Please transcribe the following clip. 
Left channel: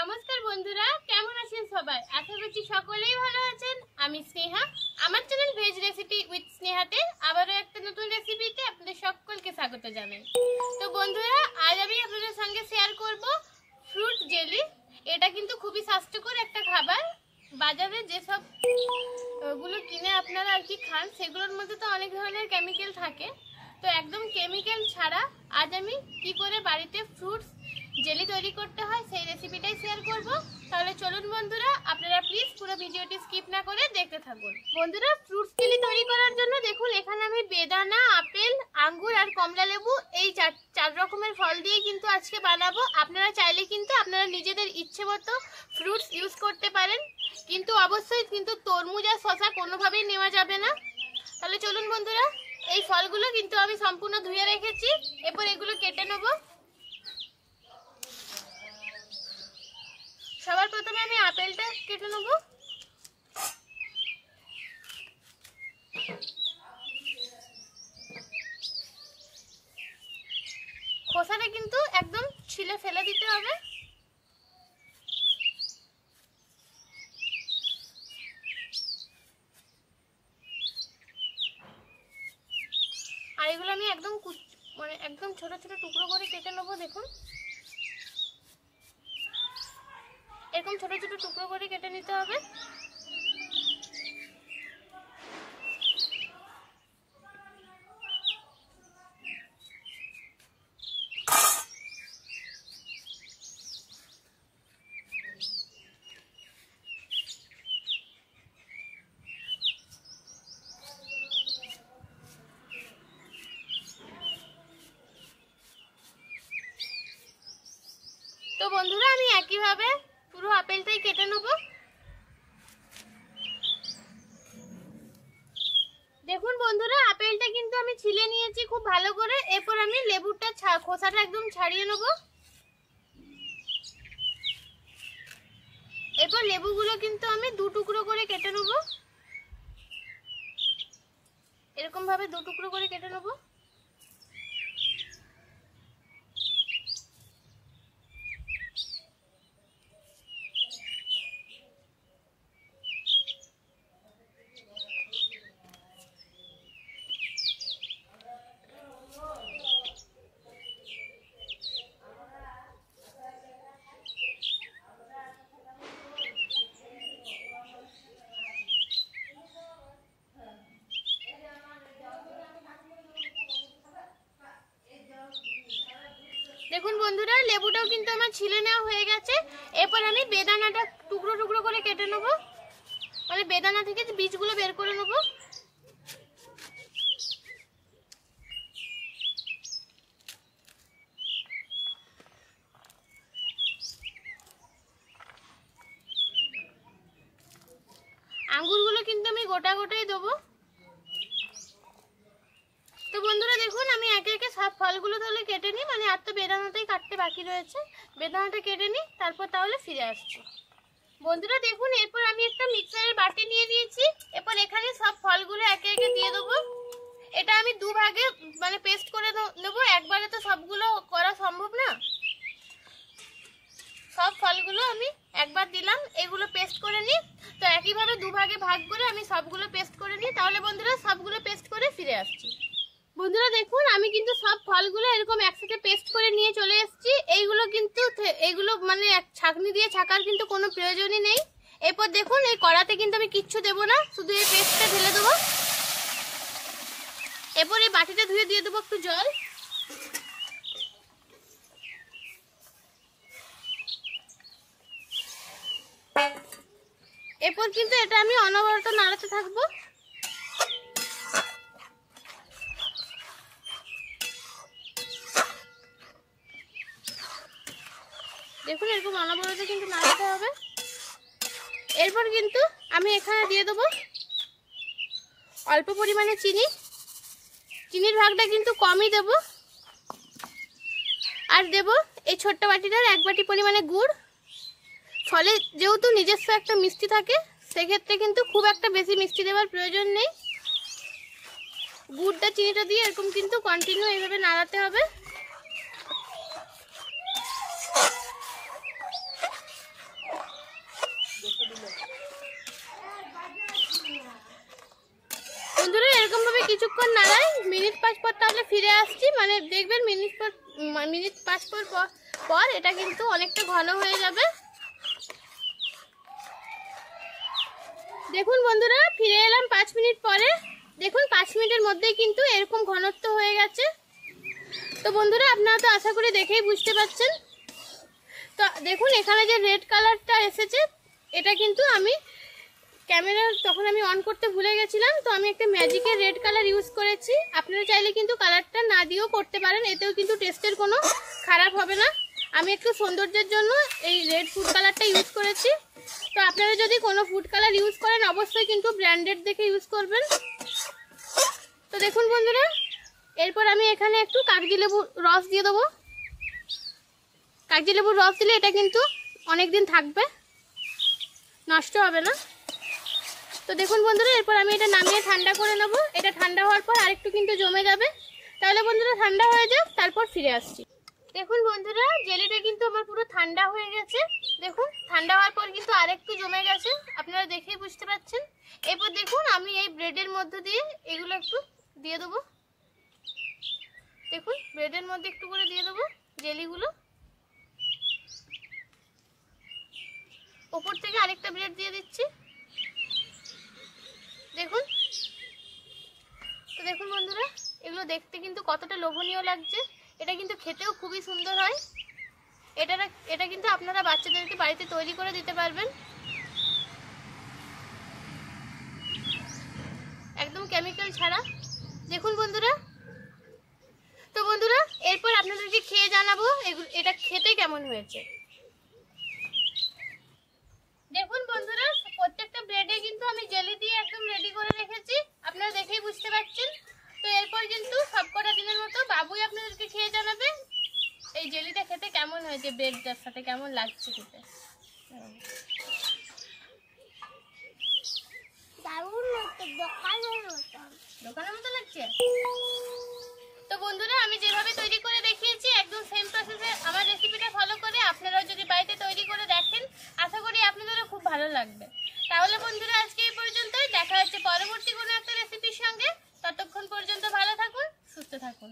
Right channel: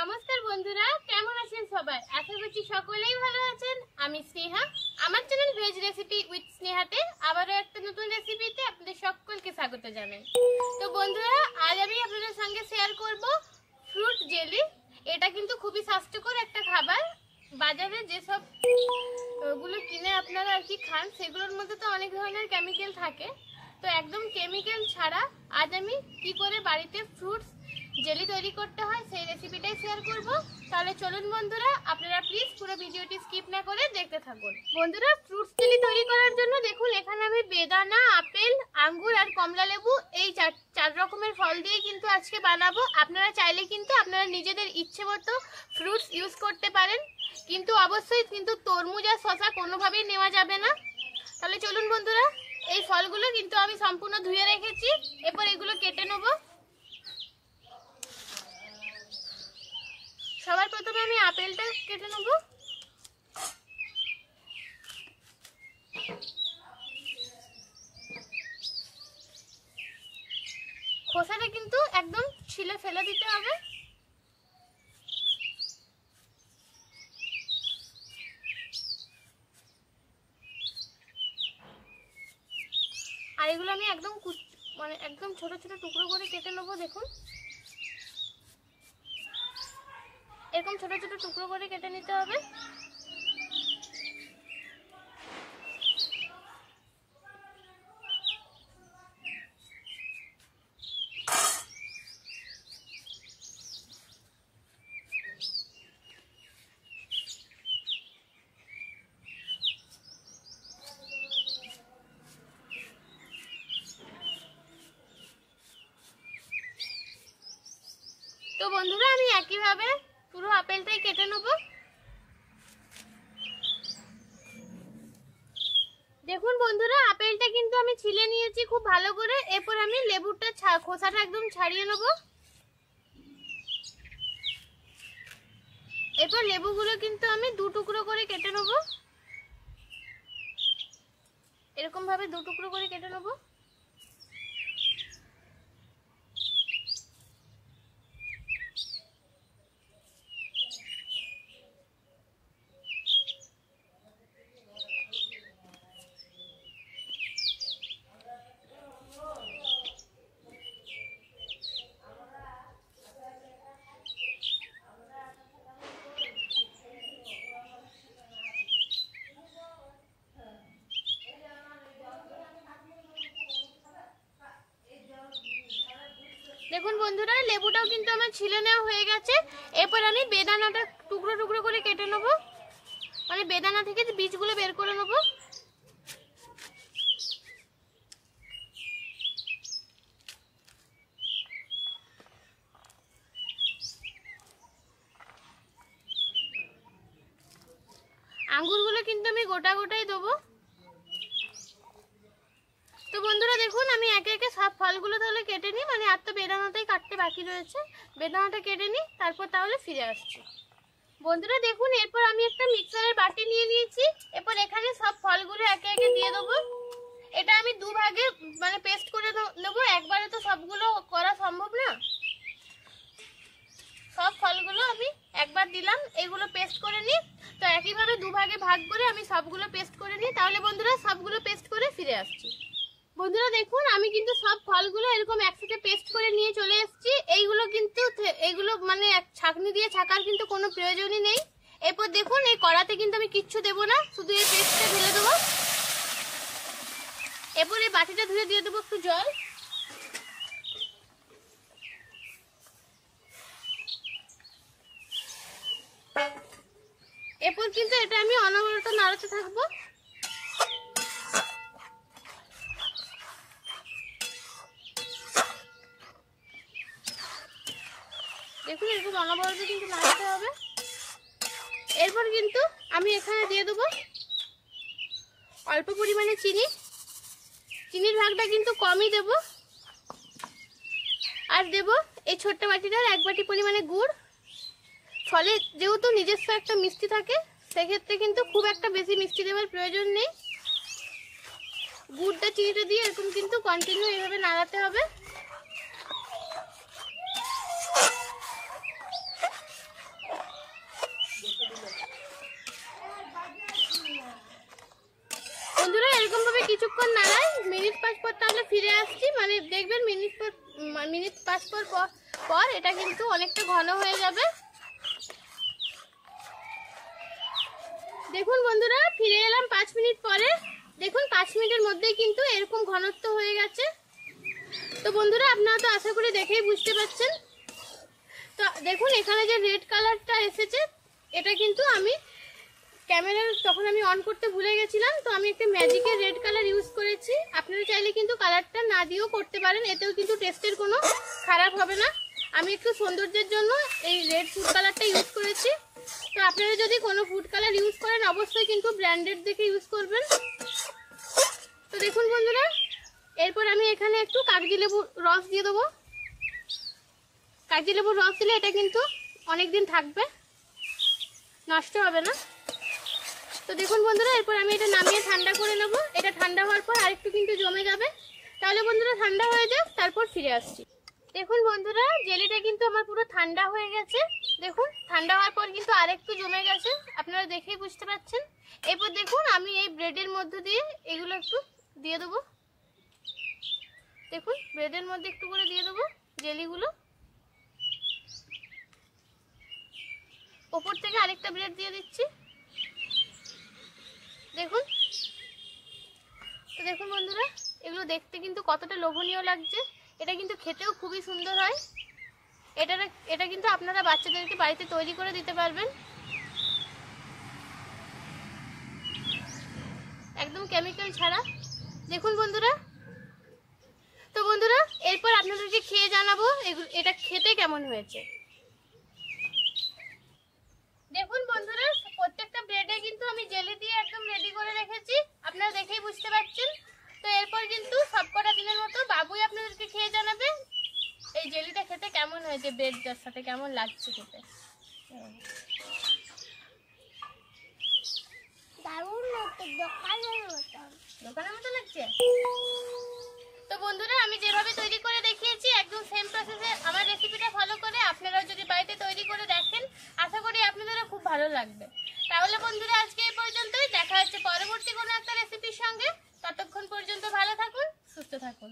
নমস্কার বন্ধুরা, কেমন আছেন সবাই? আশা করছি সকলেই ভালো আছেন। আমি স্নেহা, আমার চ্যানেল ভেজ রেসিপি উইথ স্নেহাতে আবারও একটা নতুন রেসিপিতে আপনাদের সকলকে স্বাগত জানাই। তো বন্ধুরা, আজ আমি আপনাদের সঙ্গে শেয়ার করব ফ্রুট জেলি। এটা কিন্তু খুবই স্বাস্থ্যকর একটা খাবার। বাজারে যেসব গুলো কিনে আপনারা আর কি খান, সেগুলোর মধ্যে তো অনেক ধরনের কেমিক্যাল থাকে। তো একদম কেমিক্যাল ছাড়া আজ আমি কি করে বাড়িতে ফ্রুটস জেলি তৈরি করতে হয় সেই রেসিপিটাই শেয়ার করব। তাহলে চলুন বন্ধুরা, আপনারা প্লিজ পুরো ভিডিওটি স্কিপ না করে দেখতে থাকুন। বন্ধুরা, ফ্রুটস জেলি তৈরি করার জন্য দেখুন এখানে আমি বেদানা, আপেল, আঙ্গুর আর কমলা লেবু এই চার রকমের ফল দিয়ে কিন্তু আজকে বানাবো। আপনারা চাইলে কিন্তু আপনারা নিজেদের ইচ্ছে মতো ফ্রুটস ইউজ করতে পারেন, কিন্তু অবশ্যই কিন্তু তরমুজ আর শসা কোনোভাবেই নেওয়া যাবে না। তাহলে চলুন বন্ধুরা, এই ফলগুলো কিন্তু আমি সম্পূর্ণ ধুয়ে রেখেছি। এরপর এগুলো কেটে নেব। সবার প্রথমে আমি আপেলটা কেটে নেব। খোসাটা কিন্তু একদম ছিলে ফেলে দিতে হবে। আর এগুলো আমি একদম একদম ছোট ছোট টুকরো করে কেটে নেবো। দেখুন এরকম ছোট ছোট টুকরো করে কেটে নিতে হবে। তো বন্ধুরা, আমি একইভাবে পুরো আপেলটাই কেটে নেব। দেখুন বন্ধুরা, আপেলটা কিন্তু আমি ছিলে নিয়েছি খুব ভালো করে। এরপর আমি লেবুটা খোসাটা একদম ছাড়িয়ে নেব। এরপর লেবুগুলো কিন্তু আমি দু টুকরো করে কেটে নেব। এরকম ভাবে দু টুকরো করে কেটে নেব। দেখুন বন্ধুরা, লেবুটাও কিন্তু আমার ছিলে নেওয়া হয়ে গেছে। এরপর আমি বেদানাটা টুকরো টুকরো করে কেটে নেব, মানে বেদানা থেকে বীজগুলো বের করে নেব। আঙ্গুরগুলো কিন্তু আমি গোটা গোটাই দেবো। তো বন্ধুরা দেখুন, আমি একে একে সব ফলগুলো তাহলে কেটে নিই, মানে আর তো বেদানাটাই কাটতে বাকি রয়েছে। বেদানাটা কেটে নিই, তারপর তাহলে ফিরে আসছি। বন্ধুরা দেখুন, এরপর আমি একটা মিক্সারের বাটি নিয়ে নিয়েছি। এরপর এখানে সব ফলগুলো একে একে দিয়ে দেবো। এটা আমি দুভাগে মানে পেস্ট করে নেবো, একবারে তো সবগুলো করা সম্ভব না। সব ফলগুলো আমি একবার দিলাম, এগুলো পেস্ট করে নিই। তো একইভাবে দুভাগে ভাগ করে আমি সবগুলো পেস্ট করে নিই। তাহলে বন্ধুরা, সবগুলো পেস্ট করে ফিরে আসছি। বন্ধুরা দেখুন, আমি কিন্তু সব ফলগুলো এরকম একসাথে পেস্ট করে নিয়ে চলে এসেছি। এইগুলো মানে ছাঁকনি দিয়ে ছাকার কিন্তু কোনো প্রয়োজনই নেই। এরপর দেখুন, এই কড়াতে কিন্তু আমি কিচ্ছু দেবো না, শুধু এই পেস্টটা ঢেলে দেবো। এরপর এই বাটিটা ধুয়ে দিয়ে দেবো একটু জল। এরপর কিন্তু এটা আমি অনবরত নাড়াতে থাকবো। দেখুন এরকম অনবরত কিন্তু নাড়াতে হবে। এরপর কিন্তু আমি এখানে দিয়ে দেবো অল্প পরিমাণে চিনি। চিনির ভাগটা কিন্তু কমই দেব। আর দেব এই ছোট্ট বাটিটার 1 বাটি পরিমাণে গুড়। ফলে যেহেতু নিজস্ব একটা মিষ্টি থাকে, সেক্ষেত্রে কিন্তু খুব একটা বেশি মিষ্টি দেওয়ার প্রয়োজন নেই। গুড়টা চিনিটা দিয়ে এরকম কিন্তু কন্টিনিউ এইভাবে নাড়াতে হবে। কিছুক্ষণ নাড়াই, মিনিট 5 পর তাহলে ফিরে আসছি। মানে দেখবেন মিনিট 5 পর এটা কিন্তু অনেকটা ঘন হয়ে যাবে। দেখুন বন্ধুরা, ফিরে এলাম 5 মিনিট পরে। দেখুন 5 মিনিটের মধ্যেই কিন্তু এরকম ঘনত্ব হয়ে গেছে। তো বন্ধুরা, আপনারা তো আশা করি দেখেই বুঝতে পারছেন। তো দেখুন এখানে যে রেড কালারটা এসেছে, এটা কিন্তু আমি ক্যামেরা তখন আমি অন করতে ভুলে গেছিলাম, তো আমি একটা ম্যাজিকের রেড কালার ইউজ করেছি। আপনারা চাইলে কিন্তু কালারটা না দিয়েও করতে পারেন, এতেও কিন্তু টেস্টের কোনো খারাপ হবে না। আমি একটু সৌন্দর্যের জন্য এই রেড ফুড কালারটা ইউজ করেছি। তো আপনারা যদি কোনো ফুড কালার ইউজ করেন অবশ্যই কিন্তু ব্র্যান্ডেড দেখে ইউজ করবেন। তো দেখুন বন্ধুরা, এরপর আমি এখানে একটু কাগজি লেবুর রস দিয়ে দেবো। কাগজি লেবুর রস দিলে এটা কিন্তু অনেক দিন থাকবে, নষ্ট হবে না। তো দেখুন বন্ধুরা, এরপর আমি এটা নামিয়ে ঠান্ডা করে নেব। এটা ঠান্ডা হওয়ার পর আরেকটু কিন্তু জমে যাবে। তাহলে বন্ধুরা ঠান্ডা হয়ে যাক, তারপর ফিরে আসছি। দেখুন বন্ধুরা, জেলিটা কিন্তু আমার পুরো ঠান্ডা হয়ে গেছে। দেখুন ঠান্ডা হওয়ার পর কিন্তু আরেকটু জমে গেছে, আপনারা দেখেই বুঝতে পারছেন। এরপর দেখুন আমি এই ব্রেডের মধ্যে দিয়ে এগুলো একটু দিয়ে দেবো। দেখুন ব্রেডের মধ্যে একটু করে দিয়ে দেবো জেলিগুলো। ওপর থেকে আরেকটা ব্রেড দিয়ে দিচ্ছি। দেখুন, তো দেখুন বন্ধুরা, এগুলো দেখতে কিন্তু কতটা লোভনীয় লাগছে। এটা কিন্তু খেতেও খুবই সুন্দর হয়। এটা কিন্তু আপনারা বাচ্চাদেরকে বাড়িতে তৈরি করে দিতে পারবেন, একদম কেমিক্যাল ছাড়া। দেখুন বন্ধুরা, তো বন্ধুরা এরপর আপনাদেরকে খেয়ে জানাবো এটা খেতে কেমন হয়েছে। দেখুন বন্ধুরা, প্রত্যেকটা ব্রেডে কিন্তু আমি জেলি দিয়ে একদম রেডি করে রেখেছি, আপনারা দেখেই বুঝতে পারছেন। তো এরপর কিন্তু সবকটা দিনের মতো বাবুই আপনাদেরকে খেয়ে জানাবে এই জেলিটা খেতে কেমন হয়েছে, ব্রেডটার সাথে কেমন লাগছে খেতে। দোকানের মতো লাগছে। তো বন্ধুরা, আমি যেভাবে তৈরি করে দেখিয়েছি একদম সেম প্রসেসে আমার রেসিপিটা ফলো করে আপনারাও যদি বাড়িতে তৈরি করে দেখেন, আশা করি আপনাদেরও খুব ভালো লাগবে। তাহলে বন্ধুরা আজকে এই পর্যন্তই, দেখা হচ্ছে পরবর্তী কোনো একটা রেসিপির সঙ্গে। ততক্ষণ পর্যন্ত ভালো থাকুন, সুস্থ থাকুন।